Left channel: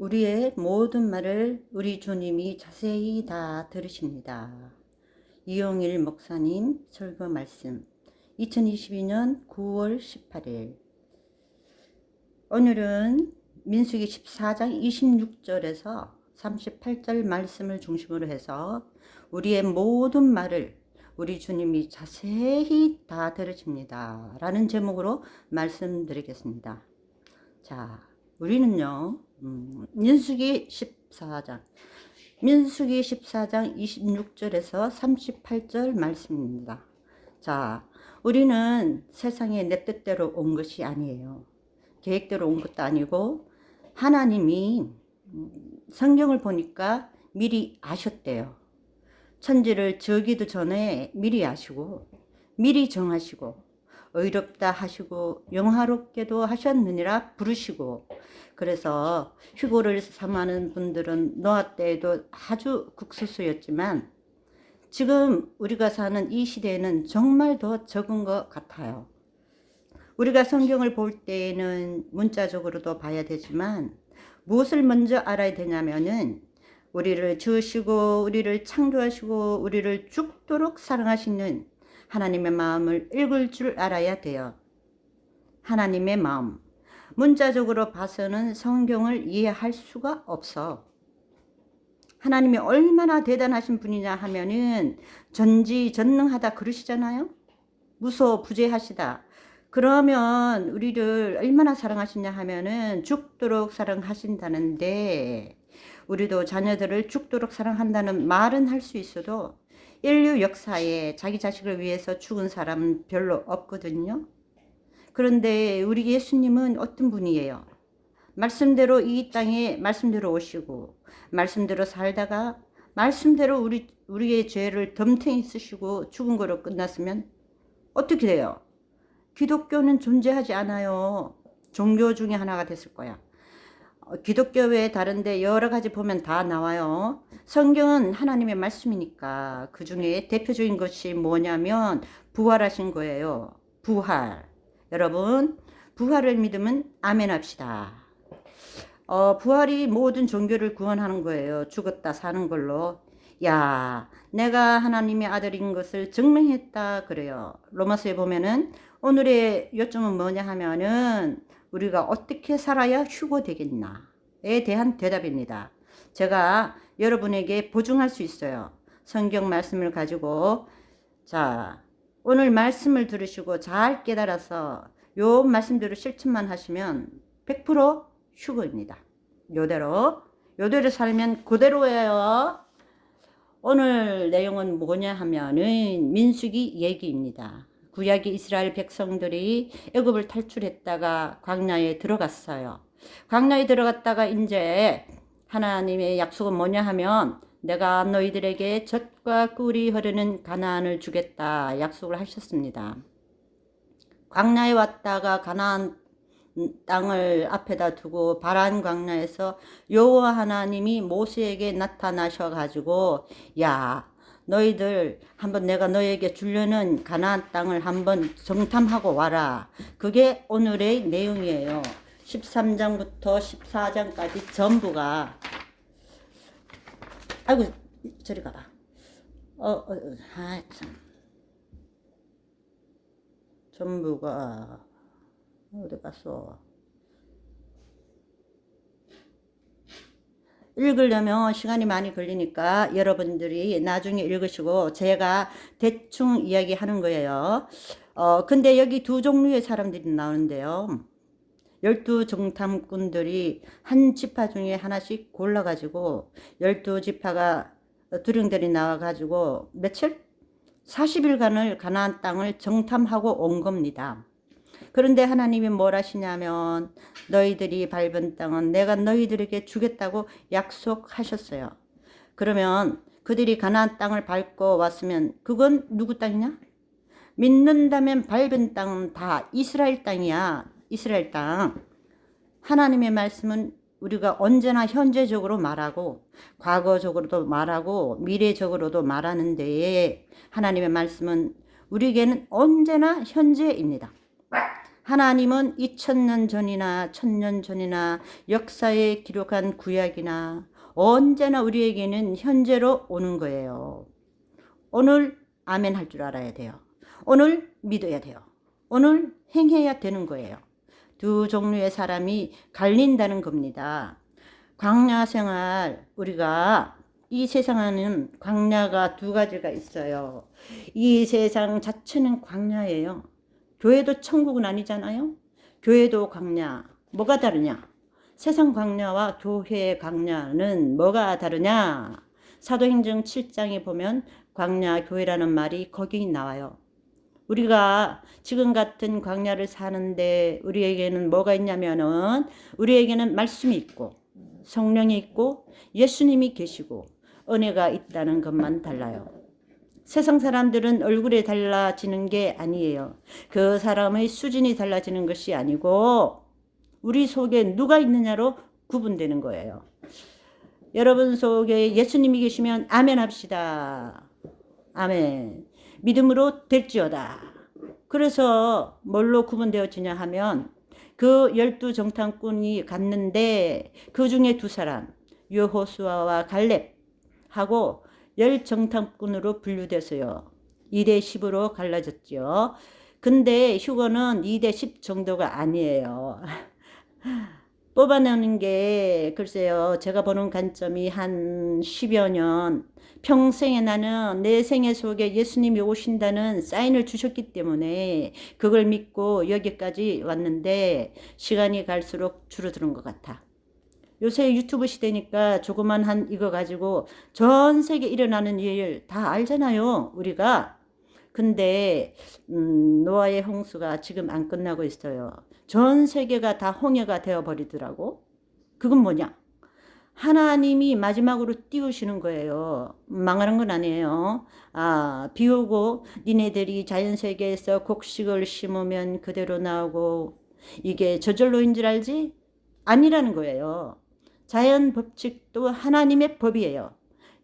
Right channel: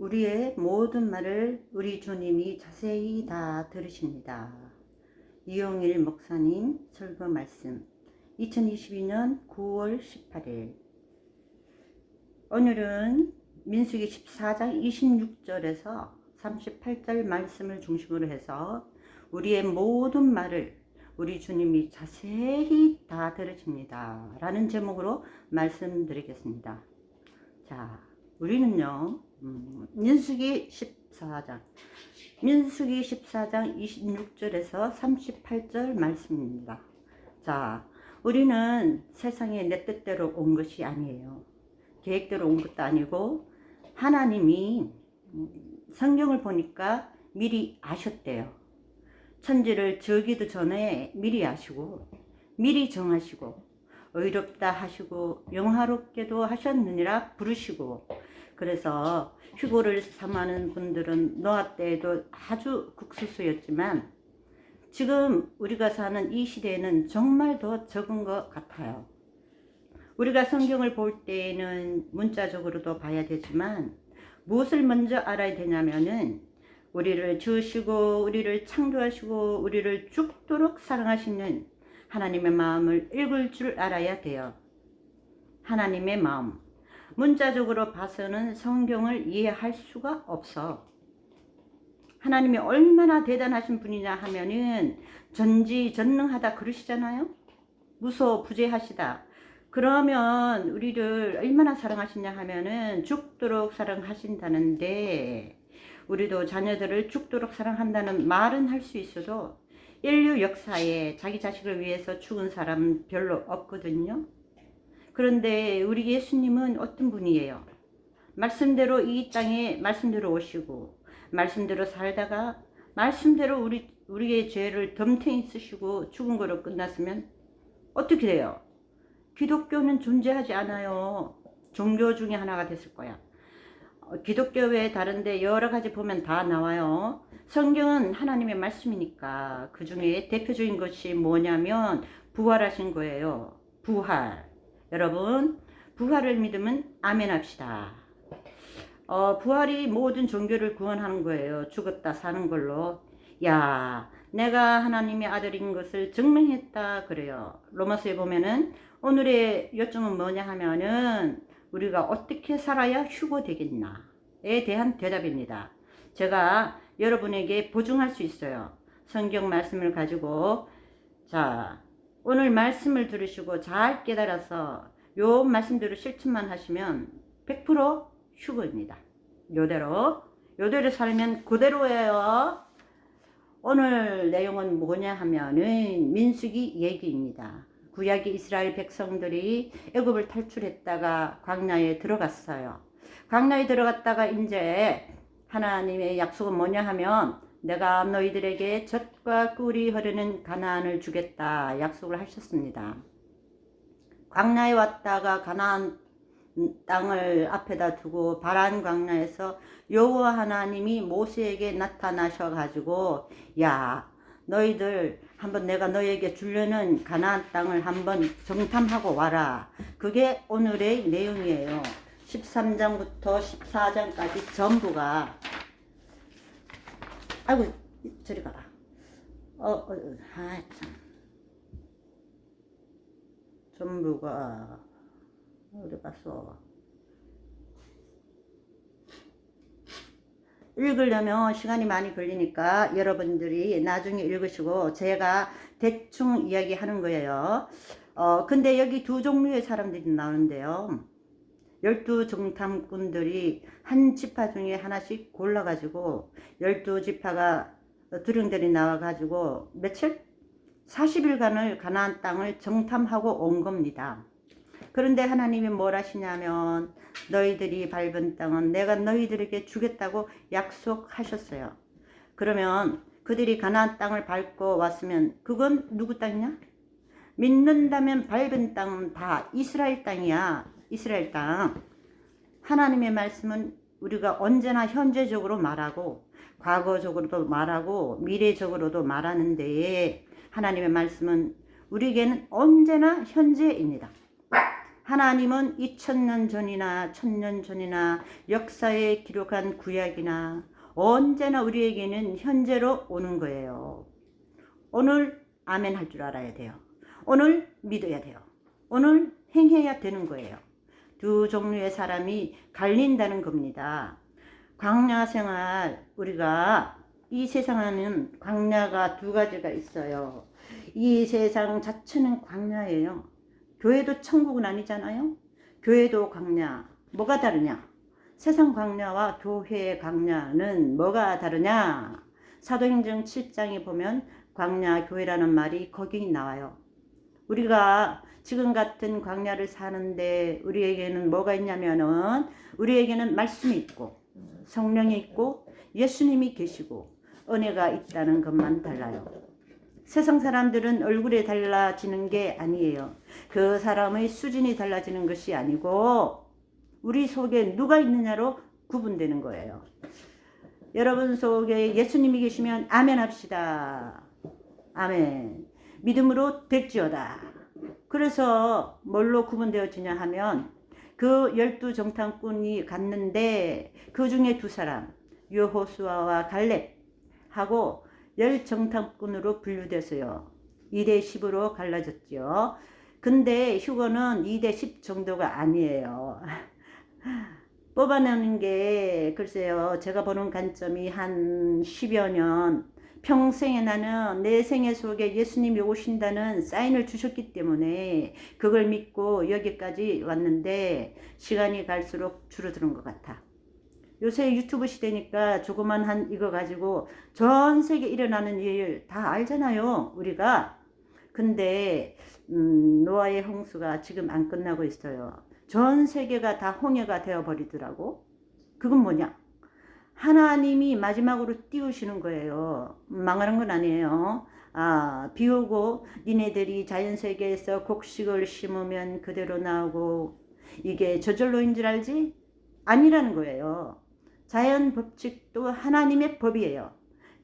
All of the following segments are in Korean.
우리의 모든 말을 우리 주님이 자세히 다 들으십니다. 이용일 목사님 설교 말씀 2022년 9월 18일 오늘은 민수기 14장 26절에서 38절 말씀을 중심으로 해서 우리의 모든 말을 우리 주님이 자세히 다 들으십니다 라는 제목으로 말씀드리겠습니다. 자, 우리는요 민수기 14장 26절에서 38절 말씀입니다. 자, 우리는 세상에 내 뜻대로 온 것이 아니에요. 계획대로 온 것도 아니고 하나님이 성경을 보니까 미리 아셨대요. 천지를 지으기도 전에 미리 아시고 미리 정하시고 의롭다 하시고 영화롭게도 하셨느니라 부르시고, 그래서 휴고를 삼하는 분들은 노아 때에도 아주 국수수였지만 지금 우리가 사는 이 시대에는 정말 더 적은 것 같아요. 우리가 성경을 볼 때에는 문자적으로도 봐야 되지만 무엇을 먼저 알아야 되냐면은 우리를 지으시고 우리를 창조하시고 우리를 죽도록 사랑하시는 하나님의 마음을 읽을 줄 알아야 돼요. 하나님의 마음. 문자적으로 봐서는 성경을 이해할 수가 없어. 하나님이 얼마나 대단하신 분이냐 하면은 전지전능하다 그러시잖아요. 무소부재하시다. 그러면 우리를 얼마나 사랑하시냐 하면은 죽도록 사랑하신다는데, 우리도 자녀들을 죽도록 사랑한다는 말은 할 수 있어도 인류 역사에 자기 자식을 위해서 죽은 사람은 별로 없거든요. 그런데 우리 예수님은 어떤 분이에요? 말씀대로 이 땅에 말씀대로 오시고 말씀대로 살다가 말씀대로 우리의 죄를 덤탱이 쓰시고 죽은 거로 끝났으면 어떻게 돼요? 기독교는 존재하지 않아요. 종교 중에 하나가 됐을 거야. 기독교 외에 다른데 여러 가지 보면 다 나와요. 성경은 하나님의 말씀이니까 그 중에 대표적인 것이 뭐냐면 부활하신 거예요. 부활. 여러분, 부활을 믿으면 아멘 합시다. 부활이 모든 종교를 구원하는 거예요. 죽었다 사는 걸로. 야, 내가 하나님의 아들인 것을 증명했다 그래요. 로마서에 보면은 오늘의 요점은 뭐냐 하면은 우리가 어떻게 살아야 휴고 되겠나에 대한 대답입니다. 제가 여러분에게 보증할 수 있어요. 성경 말씀을 가지고, 자, 오늘 말씀을 들으시고 잘 깨달아서 요 말씀대로 실천만 하시면 100% 휴거입니다. 요대로 살면 그대로예요. 오늘 내용은 뭐냐 하면은 민수기 얘기입니다. 구약의 이스라엘 백성들이 애굽을 탈출했다가 광야에 들어갔어요. 광야에 들어갔다가 이제 하나님의 약속은 뭐냐 하면 내가 너희들에게 젖과 꿀이 흐르는 가나안을 주겠다 약속을 하셨습니다. 광야에 왔다가 가나안 땅을 앞에다 두고 바란 광야에서 여호와 하나님이 모세에게 나타나셔 가지고, 야, 너희들 한번 내가 너희에게 주려는 가나안 땅을 한번 정탐하고 와라. 그게 오늘의 내용이에요. 13장부터 14장까지 전부가, 아이고 저리 가라. 참. 전부가 어디 갔어? 읽으려면 시간이 많이 걸리니까 여러분들이 나중에 읽으시고 제가 대충 이야기하는 거예요. 근데 여기 두 종류의 사람들이 나오는데요. 12정탐꾼들이 한 지파 중에 하나씩 골라가지고 12지파가 두령들이 나와가지고 며칠? 40일간을 가나안 땅을 정탐하고 온 겁니다. 그런데 하나님이 뭘 하시냐면 너희들이 밟은 땅은 내가 너희들에게 주겠다고 약속하셨어요. 그러면 그들이 가나안 땅을 밟고 왔으면 그건 누구 땅이냐? 믿는다면 밟은 땅은 다 이스라엘 땅이야. 이스라엘 땅. 하나님의 말씀은 우리가 언제나 현재적으로 말하고 과거적으로도 말하고 미래적으로도 말하는데 하나님의 말씀은 우리에게는 언제나 현재입니다. 하나님은 2000년 전이나 1000년 전이나 역사에 기록한 구약이나 언제나 우리에게는 현재로 오는 거예요. 오늘 아멘 할 줄 알아야 돼요. 오늘 믿어야 돼요. 오늘 행해야 되는 거예요. 두 종류의 사람이 갈린다는 겁니다. 광야 생활, 우리가 이 세상에는 광야가 두 가지가 있어요. 이 세상 자체는 광야예요. 교회도 천국은 아니잖아요. 교회도 광야. 뭐가 다르냐? 세상 광야와 교회의 광야는 뭐가 다르냐? 사도행전 7장에 보면 광야 교회라는 말이 거기 나와요. 우리가 지금 같은 광야를 사는데 우리에게는 뭐가 있냐면은 우리에게는 말씀이 있고 성령이 있고 예수님이 계시고 은혜가 있다는 것만 달라요. 세상 사람들은 얼굴이 달라지는 게 아니에요. 그 사람의 수준이 달라지는 것이 아니고 우리 속에 누가 있느냐로 구분되는 거예요. 여러분 속에 예수님이 계시면 아멘 합시다. 아멘. 믿음으로 될지어다. 그래서 뭘로 구분되어지냐 하면 그 12정탐꾼이 갔는데 그 중에 두 사람 여호수아와 갈렙하고 10정탐꾼으로 분류돼서요. 2대 10으로 갈라졌죠. 근데 휴거는 2대 10 정도가 아니에요. 뽑아내는 게 글쎄요. 제가 보는 관점이 한 10여 년 평생에 나는 내 생애 속에 예수님이 오신다는 사인을 주셨기 때문에 그걸 믿고 여기까지 왔는데 시간이 갈수록 줄어드는 것 같아. 요새 유튜브 시대니까 조그만 한 이거 가지고 전 세계 일어나는 일 다 알잖아요. 우리가. 근데 노아의 홍수가 지금 안 끝나고 있어요. 전 세계가 다 홍해가 되어버리더라고. 그건 뭐냐? 하나님이 마지막으로 띄우시는 거예요. 망하는 건 아니에요. 비 오고 니네들이 자연세계에서 곡식을 심으면 그대로 나오고 이게 저절로인 줄 알지? 아니라는 거예요. 자연 법칙도 하나님의 법이에요.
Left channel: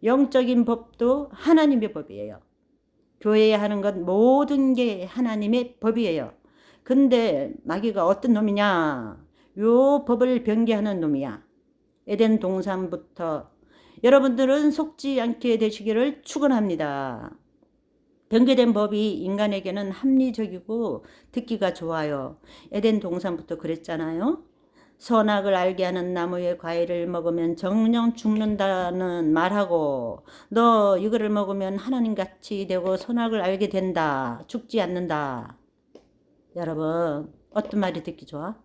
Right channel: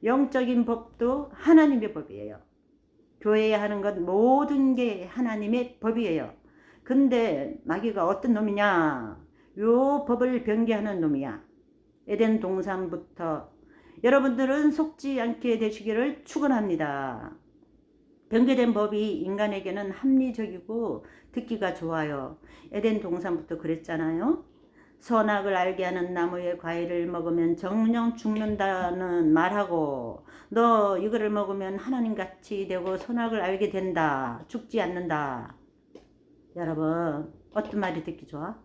영적인 법도 하나님의 법이에요. 교회에 하는 것 모든 게 하나님의 법이에요. 근데 마귀가 어떤 놈이냐? 요 법을 변개하는 놈이야. 에덴 동산부터 여러분들은 속지 않게 되시기를 축원합니다. 변개된 법이 인간에게는 합리적이고 듣기가 좋아요. 에덴 동산부터 그랬잖아요. 선악을 알게 하는 나무의 과일을 먹으면 정령 죽는다는 말하고 너 이거를 먹으면 하나님같이 되고 선악을 알게 된다. 죽지 않는다. 여러분 어떤 말이 듣기 좋아?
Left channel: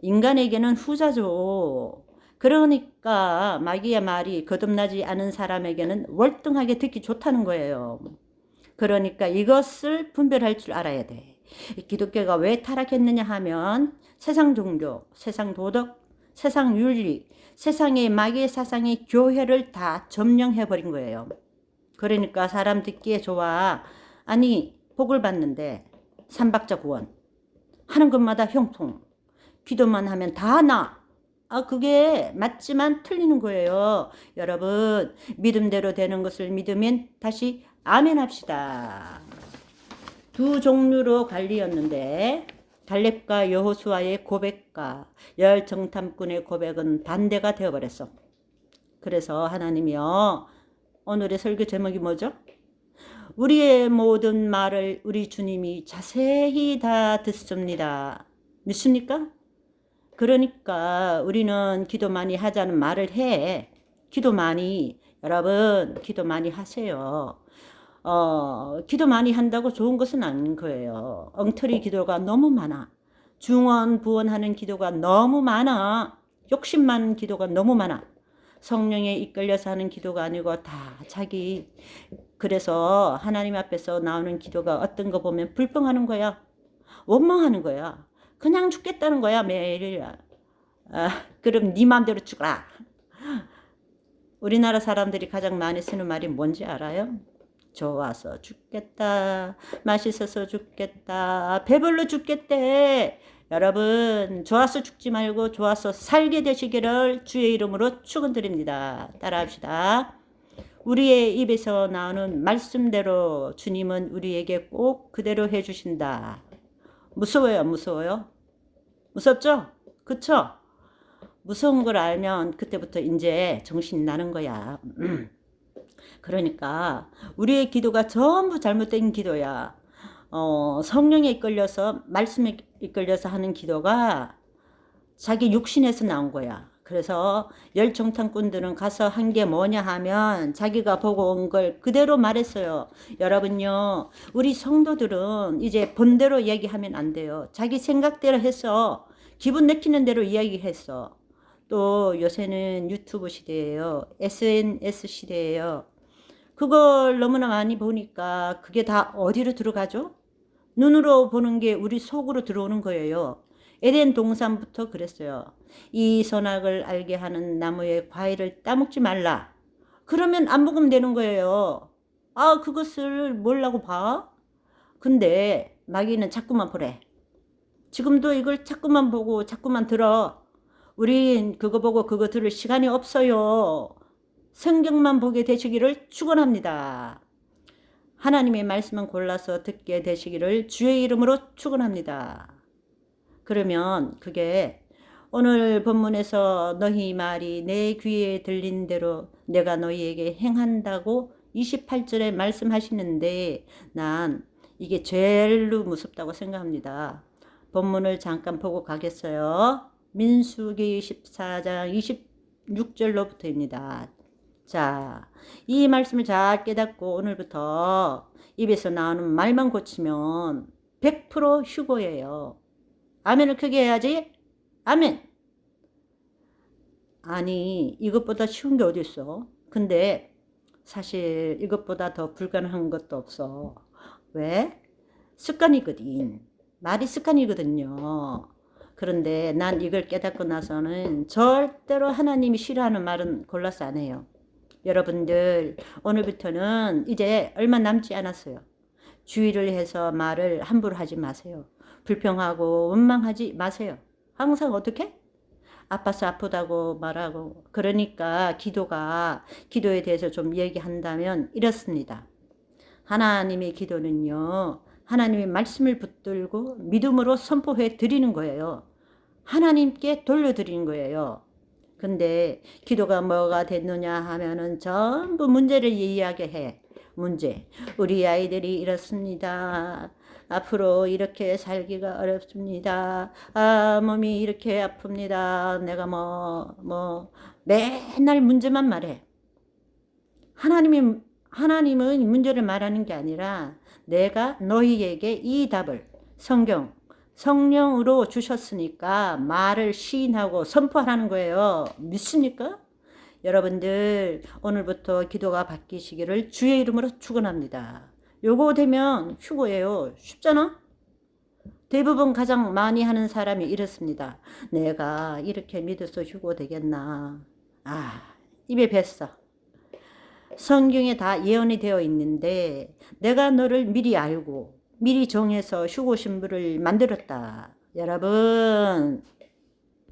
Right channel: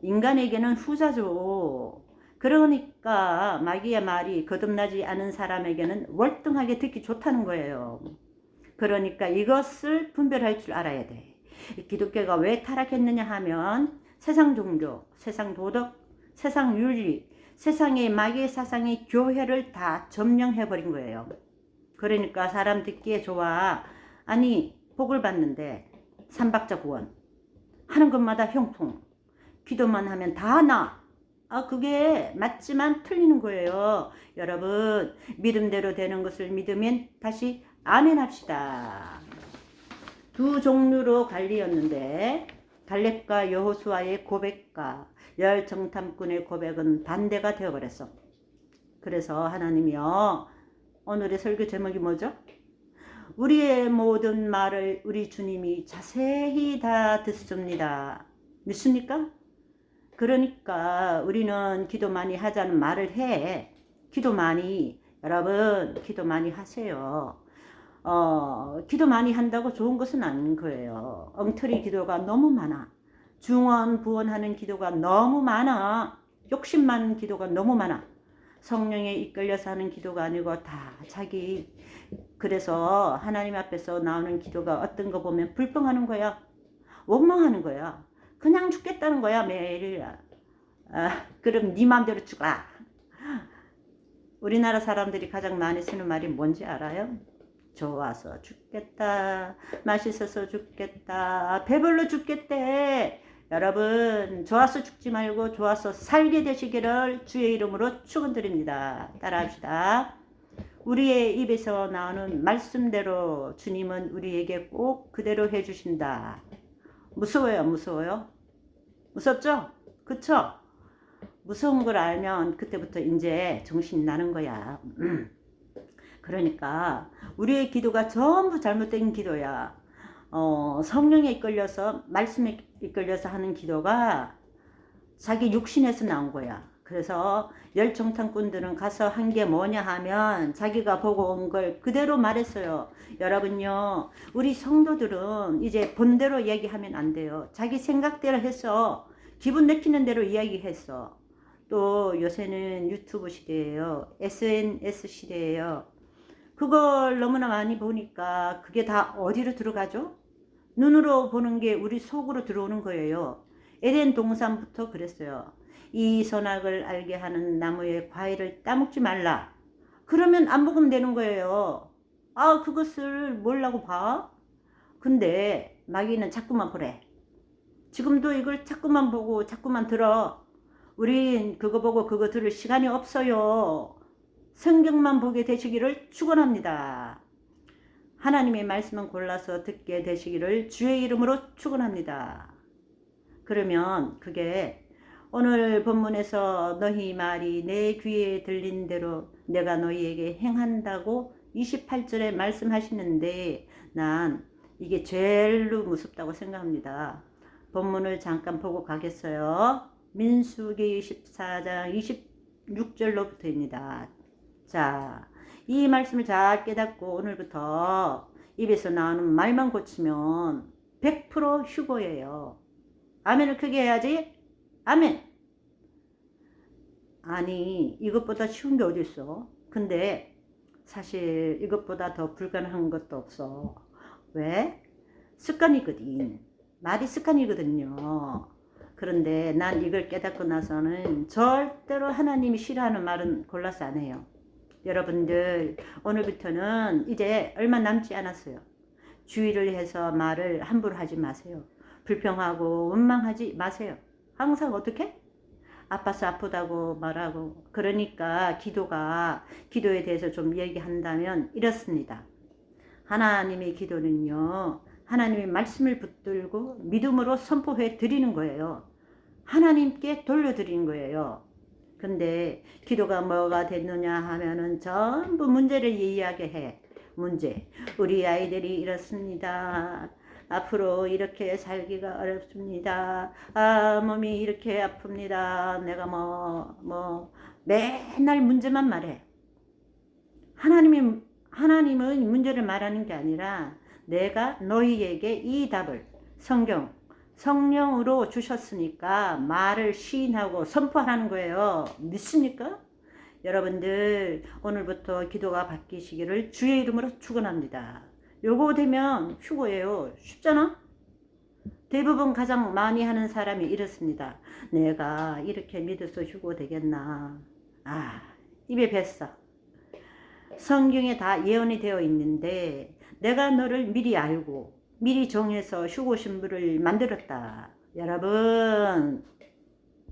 인간에게는 후자죠. 그러니까 마귀의 말이 거듭나지 않은 사람에게는 월등하게 듣기 좋다는 거예요. 그러니까 이것을 분별할 줄 알아야 돼. 기독교가 왜 타락했느냐 하면 세상 종교, 세상 도덕, 세상 윤리, 세상의 마귀의 사상이 교회를 다 점령해버린 거예요. 그러니까 사람 듣기에 좋아. 아니 복을 받는데 삼박자 구원 하는 것마다 형통, 기도만 하면 다 나. 그게 맞지만 틀리는 거예요. 여러분 믿음대로 되는 것을 믿으면 다시 아멘 합시다. 두 종류로 갈리었는데 갈렙과 여호수아의 고백과 열 정탐꾼의 고백은 반대가 되어버렸어. 그래서 하나님이요, 오늘의 설교 제목이 뭐죠? 우리의 모든 말을 우리 주님이 자세히 다 듣습니다. 믿습니까? 그러니까 우리는 기도 많이 하자는 말을 해. 기도 많이, 여러분 기도 많이 하세요. 기도 많이 한다고 좋은 것은 아닌 거예요. 엉터리 기도가 너무 많아. 중언 부언하는 기도가 너무 많아. 욕심 많은 기도가 너무 많아. 성령에 이끌려서 하는 기도가 아니고 다 자기. 그래서 하나님 앞에서 나오는 기도가 어떤 거 보면 불평하는 거야. 원망하는 거야. 그냥 죽겠다는 거야 매일. 그럼 네 맘대로 죽어라. 우리나라 사람들이 가장 많이 쓰는 말이 뭔지 알아요? 좋아서 죽겠다. 맛있어서 죽겠다. 배불러 죽겠대. 여러분 좋아서 죽지 말고 좋아서 살게 되시기를 주의 이름으로 축원드립니다. 따라합시다. 우리의 입에서 나오는 말씀대로 주님은 우리에게 꼭 그대로 해주신다. 무서워요, 무서워요? 무섭죠? 그쵸? 무서운 걸 알면 그때부터 이제 정신이 나는 거야. 그러니까 우리의 기도가 전부 잘못된 기도야. 성령에 이끌려서 말씀에 이끌려서 하는 기도가 자기 육신에서 나온 거야. 그래서 열정탐꾼들은 가서 한 게 뭐냐 하면 자기가 보고 온 걸 그대로 말했어요. 여러분요, 우리 성도들은 이제 본대로 얘기하면 안 돼요. 자기 생각대로 해서 기분 내키는 대로 이야기했어. 또 요새는 유튜브 시대예요. SNS 시대예요. 그걸 너무나 많이 보니까 그게 다 어디로 들어가죠? 눈으로 보는 게 우리 속으로 들어오는 거예요. 에덴 동산부터 그랬어요. 이 선악을 알게 하는 나무의 과일을 따먹지 말라. 그러면 안 먹으면 되는 거예요. 아, 그것을 뭐라고 봐? 근데 마귀는 자꾸만 보래. 지금도 이걸 자꾸만 보고 자꾸만 들어. 우린 그거 보고 그거 들을 시간이 없어요. 성경만 보게 되시기를 축원합니다. 하나님의 말씀은 골라서 듣게 되시기를 주의 이름으로 축원합니다. 그러면 그게 오늘 본문에서 너희 말이 내 귀에 들린 대로 내가 너희에게 행한다고 28절에 말씀하시는데 난 이게 제일로 무섭다고 생각합니다. 본문을 잠깐 보고 가겠어요. 민수기 24장 26절로부터입니다. 자, 이 말씀을 잘 깨닫고 오늘부터 입에서 나오는 말만 고치면 100% 휴고예요. 아멘을 크게 해야지. 아멘. 아니, 이것보다 쉬운 게 어디 있어? 근데 사실 이것보다 더 불가능한 것도 없어. 왜? 습관이거든. 말이 습관이거든요. 그런데 난 이걸 깨닫고 나서는 절대로 하나님이 싫어하는 말은 골라서 안 해요. 여러분들, 오늘부터는 이제 얼마 남지 않았어요. 주의를 해서 말을 함부로 하지 마세요. 불평하고 원망하지 마세요. 항상 어떻게? 아파서 아프다고 말하고. 그러니까 기도에 대해서 좀 얘기한다면 이렇습니다. 하나님의 기도는요, 하나님의 말씀을 붙들고 믿음으로 선포해 드리는 거예요. 하나님께 돌려드리는 거예요. 근데 기도가 뭐가 됐느냐 하면은 전부 문제를 이야기해. 문제. 우리 아이들이 이렇습니다. 앞으로 이렇게 살기가 어렵습니다. 아, 몸이 이렇게 아픕니다. 내가 맨날 문제만 말해. 하나님은 문제를 말하는 게 아니라 내가 너희에게 이 답을 성령으로 주셨으니까 말을 시인하고 선포하는 거예요. 믿습니까? 여러분들 오늘부터 기도가 바뀌시기를 주의 이름으로 축원합니다. 요거 되면 휴고예요. 쉽잖아? 대부분 가장 많이 하는 사람이 이렇습니다. 내가 이렇게 믿어서 휴고 되겠나? 아, 입에 뱄어. 성경에 다 예언이 되어 있는데 내가 너를 미리 알고 미리 정해서 휴고 신부를 만들었다. 여러분